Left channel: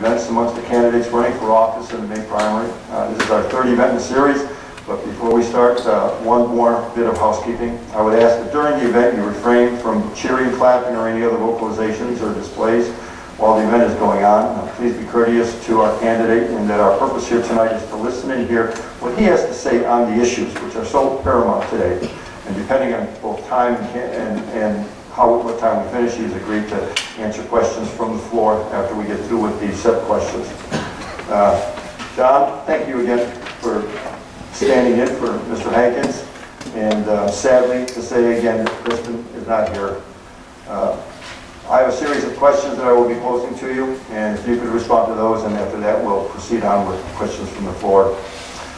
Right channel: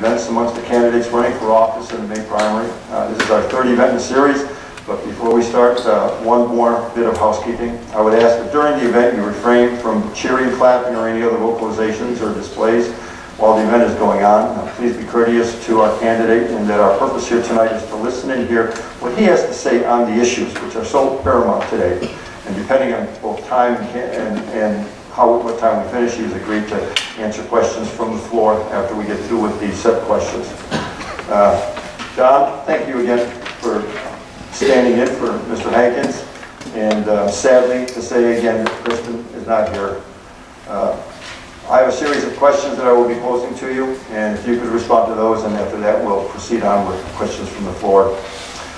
Events amongst the candidates running for office in the May primary. This is our third event in the series, but before we start, one more bit of housekeeping. I would ask that during the event you refrain from cheering, clapping, or any other vocalizations or displays while the event is going on. Please be courteous to our candidate, and that our purpose here tonight is to listen and hear what he has to say on the issues which are so paramount today. And depending on both time and what time we finish, he's agreed to answer questions from the floor after we get through with these set questions. John, thank you again for standing in for Mr. Hankins. And sadly to say again, Kristen is not here. I have a series of questions that I will be posing to you, and if you could respond to those, and after that we'll proceed on with questions from the floor.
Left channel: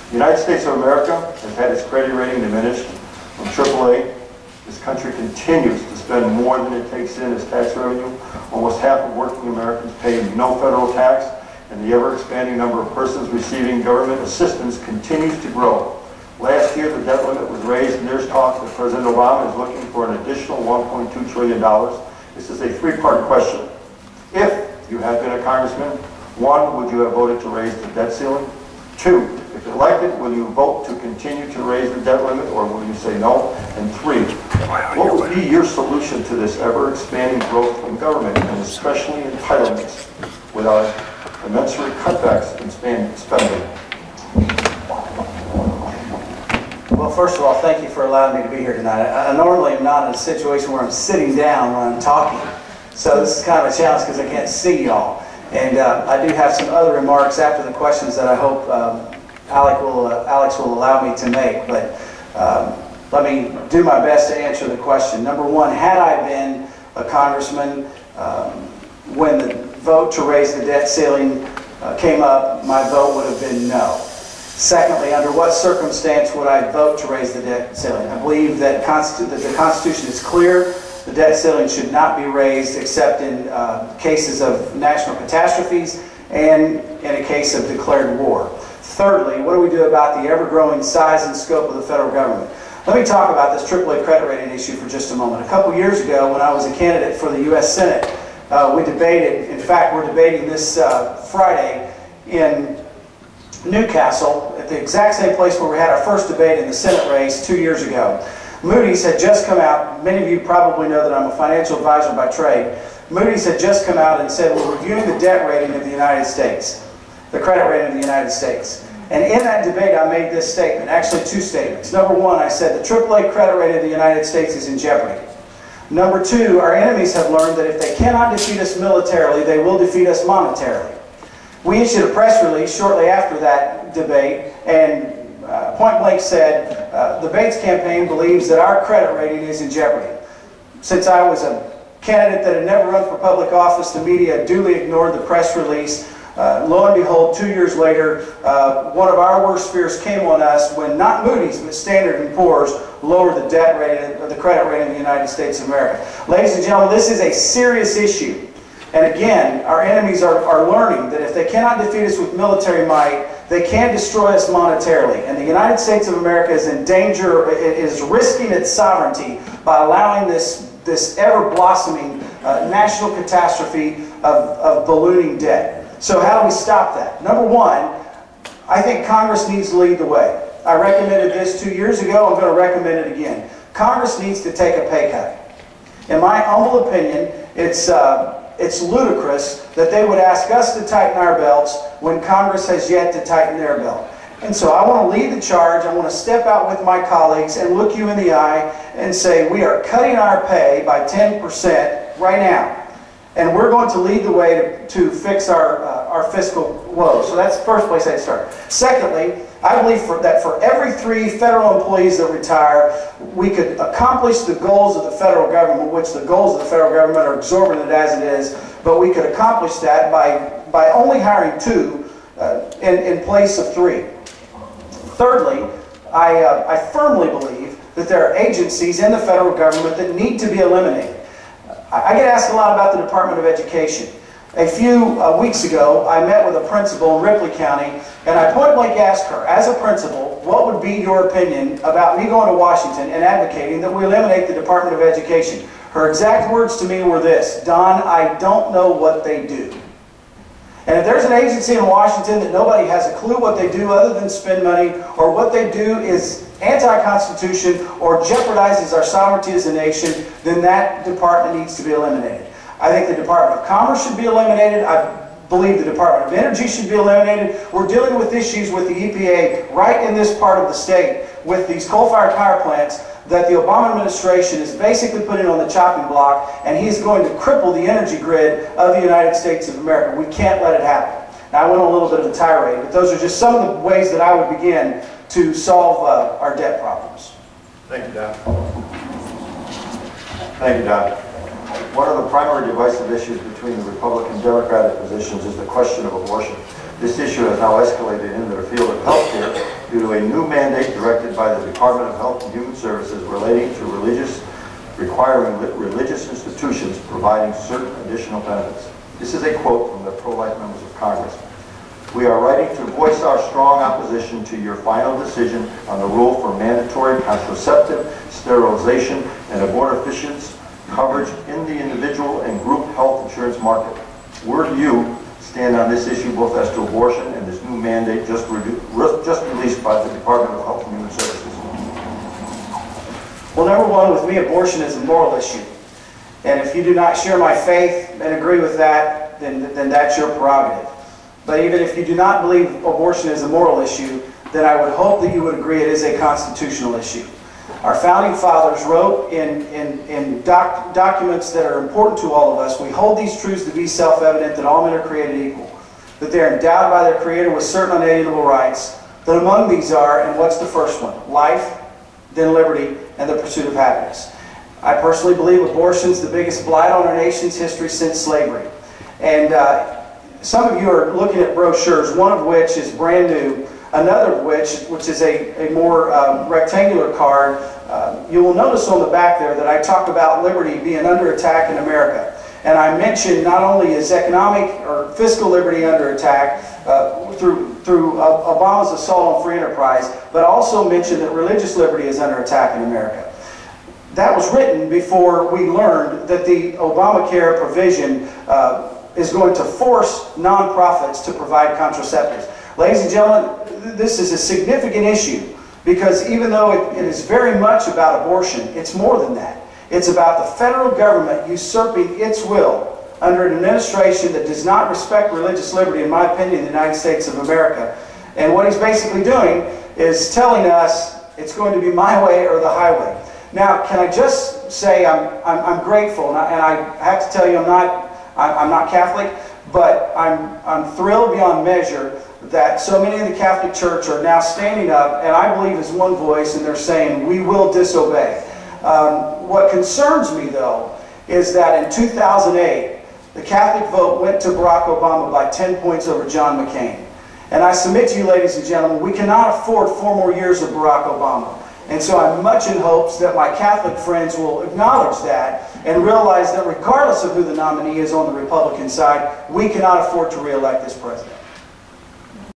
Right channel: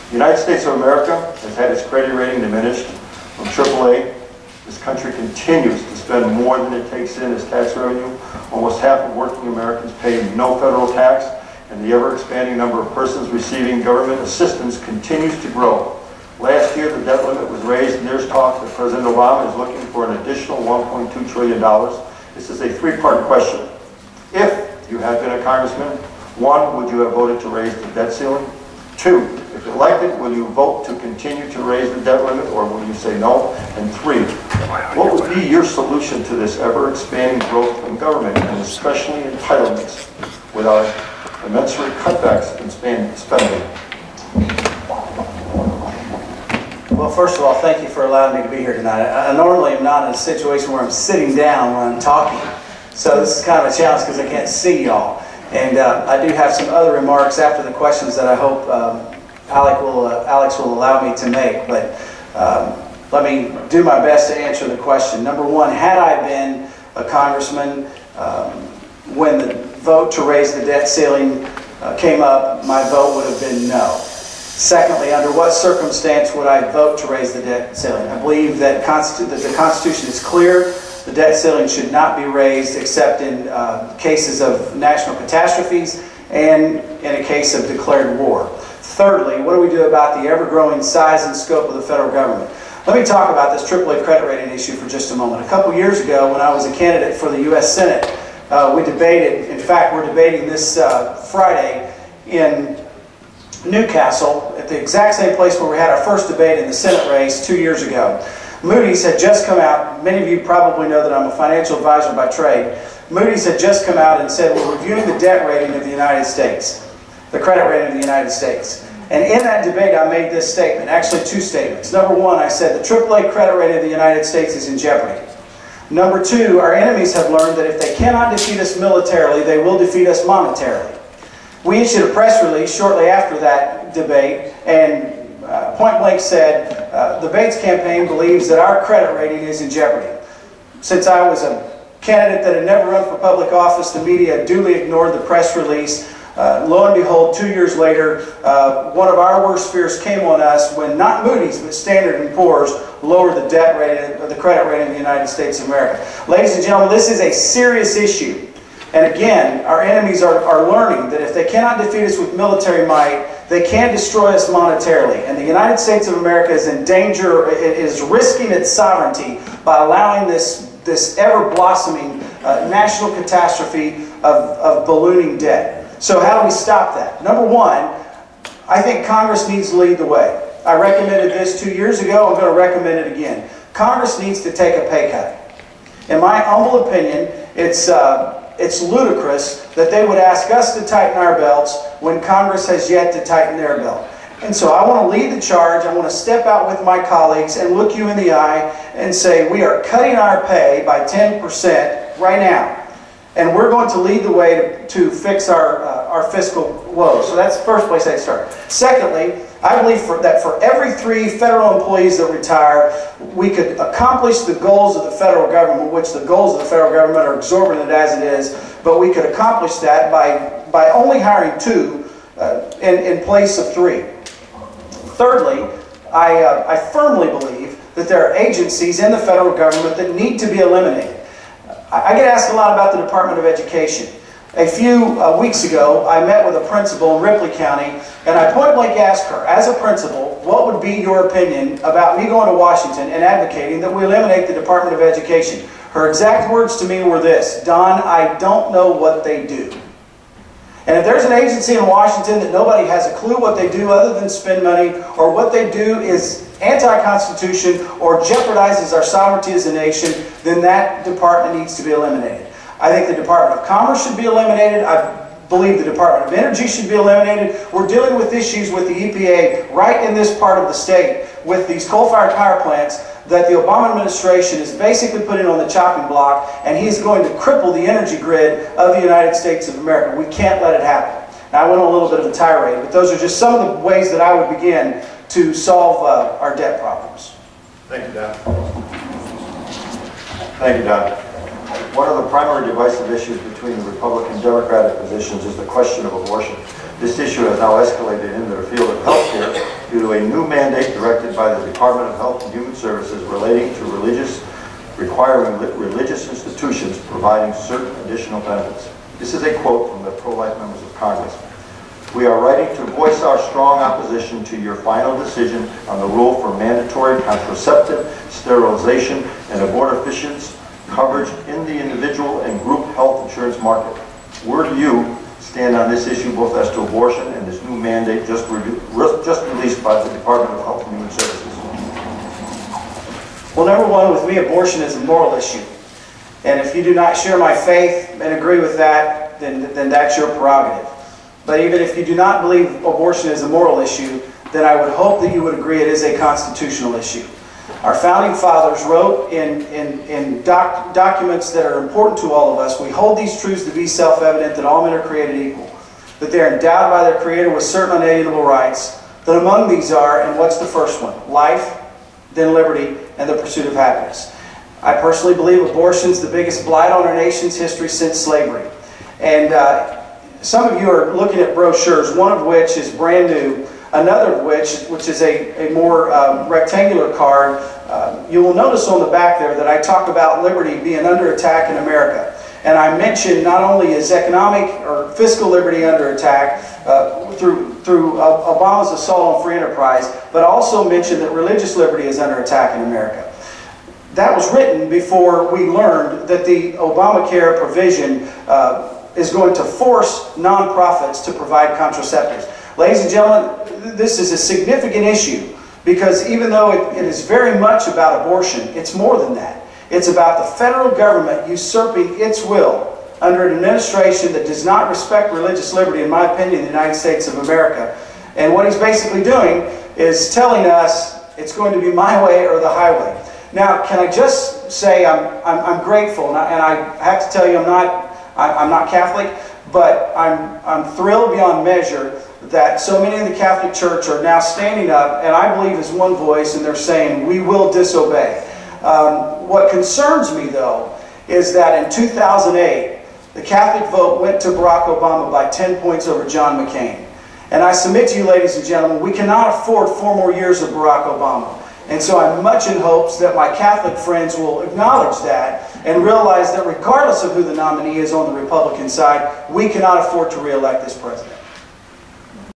The United States of America has had its credit rating diminished from AAA. This country continues to spend more than it takes in as tax revenue. Almost half of working Americans pay no federal tax, and the ever-expanding number of persons receiving government assistance continues to grow. Last year, the debt limit was raised, and there's talk that President Obama is looking for an additional $1.2 trillion. This is a three-part question. If you had been a congressman, one, would you have voted to raise the debt ceiling? Two, if elected, will you vote to continue to raise the debt limit, or will you say no? And three, what would be your solution to this ever-expanding growth in government, and especially entitlements, without commensurate cutbacks in spending? Well, first of all, thank you for allowing me to be here tonight. I normally am not in a situation where I'm sitting down when I'm talking, so this is kind of a challenge because I can't see y'all. And I do have some other remarks after the questions that I hope Alex will allow me to make, but let me do my best to answer the question. Number one, had I been a congressman when the vote to raise the debt ceiling came up, my vote would have been no. Secondly, under what circumstance would I vote to raise the debt ceiling? I believe that the Constitution is clear. The debt ceiling should not be raised except in cases of national catastrophes and in a case of declared war. Thirdly, what do we do about the ever-growing size and scope of the federal government? Let me talk about this AAA credit rating issue for just a moment. A couple years ago, when I was a candidate for the U.S. Senate, we debated, in fact, we're debating this Friday in Newcastle, at the exact same place where we had our first debate in the Senate race 2 years ago. Moody's had just come out. Many of you probably know that I'm a financial advisor by trade. Moody's had just come out and said, we're reviewing the debt rating of the United States, the credit rating of the United States. And in that debate, I made this statement, actually two statements. Number one, I said the AAA credit rating of the United States is in jeopardy. Number two, our enemies have learned that if they cannot defeat us militarily, they will defeat us monetarily. We issued a press release shortly after that debate, and point blank said, the Bates campaign believes that our credit rating is in jeopardy. Since I was a candidate that had never run for public office, the media duly ignored the press release. Lo and behold, 2 years later, one of our worst fears came on us when not Moody's, but Standard & Poor's lowered the debt rating, or the credit rating of the United States of America. Ladies and gentlemen, this is a serious issue. And again, our enemies are learning that if they cannot defeat us with military might, they can destroy us monetarily. And the United States of America is in danger, it is risking its sovereignty by allowing this ever-blossoming national catastrophe of ballooning debt. So how do we stop that? Number one, I think Congress needs to lead the way. I recommended this 2 years ago. I'm going to recommend it again. Congress needs to take a pay cut. In my humble opinion, it's ludicrous that they would ask us to tighten our belts when Congress has yet to tighten their belt. And so I want to lead the charge. I want to step out with my colleagues and look you in the eye and say we are cutting our pay by 10% right now. And we're going to lead the way to fix our fiscal woes. So that's the first place I'd start. Secondly, I believe that for every 3 federal employees that retire, we could accomplish the goals of the federal government, which the goals of the federal government are exorbitant as it is, but we could accomplish that by only hiring 2 in place of 3. Thirdly, I firmly believe that there are agencies in the federal government that need to be eliminated. I get asked a lot about the Department of Education. A few weeks ago, I met with a principal in Ripley County, and I point blank asked her, as a principal, what would be your opinion about me going to Washington and advocating that we eliminate the Department of Education? Her exact words to me were this: Don, I don't know what they do. And if there's an agency in Washington that nobody has a clue what they do other than spend money, or what they do is anti-constitution or jeopardizes our sovereignty as a nation, then that department needs to be eliminated. I think the Department of Commerce should be eliminated. I believe the Department of Energy should be eliminated. We're dealing with issues with the EPA right in this part of the state with these coal-fired power plants that the Obama administration is basically putting on the chopping block, and he's going to cripple the energy grid of the United States of America. We can't let it happen. Now, I went on a little bit of a tirade, but those are just some of the ways that I would begin to solve our debt problems. Thank you, Don. Thank you, Don. One of the primary divisive issues between the Republican and Democratic positions is the question of abortion. This issue has now escalated into the field of healthcare due to a new mandate directed by the Department of Health and Human Services relating to requiring religious institutions providing certain additional benefits. This is a quote from the pro-life members of Congress. We are writing to voice our strong opposition to your final decision on the rule for mandatory contraceptive, sterilization, and abortifacients coverage in the individual and group health insurance market. Where do you stand on this issue, both as to abortion and this new mandate just released by the Department of Health and Human Services? Well, number one, with me, abortion is a moral issue. And if you do not share my faith and agree with that, then that's your prerogative. But even if you do not believe abortion is a moral issue, then I would hope that you would agree it is a constitutional issue. Our founding fathers wrote in documents that are important to all of us, we hold these truths to be self-evident, that all men are created equal, that they are endowed by their Creator with certain unalienable rights, that among these are, and what's the first one? Life, then liberty, and the pursuit of happiness. I personally believe abortion is the biggest blight on our nation's history since slavery. And some of you are looking at brochures, one of which is brand new, another of which is a more rectangular card. You will notice on the back there that I talk about liberty being under attack in America. And I mention not only is economic or fiscal liberty under attack through Obama's assault on free enterprise, but also mention that religious liberty is under attack in America. That was written before we learned that the Obamacare provision is going to force nonprofits to provide contraceptives. Ladies and gentlemen, this is a significant issue because even though it is very much about abortion, it's more than that. It's about the federal government usurping its will under an administration that does not respect religious liberty, in my opinion, in the United States of America. And what he's basically doing is telling us it's going to be my way or the highway. Now, can I just say I'm grateful, and I have to tell you I'm not Catholic, but I'm thrilled beyond measure that so many in the Catholic Church are now standing up, and I believe as one voice, and they're saying, we will disobey. What concerns me, though, is that in 2008, the Catholic vote went to Barack Obama by 10 points over John McCain. And I submit to you, ladies and gentlemen, we cannot afford 4 more years of Barack Obama. And so I'm much in hopes that my Catholic friends will acknowledge that and realize that regardless of who the nominee is on the Republican side, we cannot afford to re-elect this president.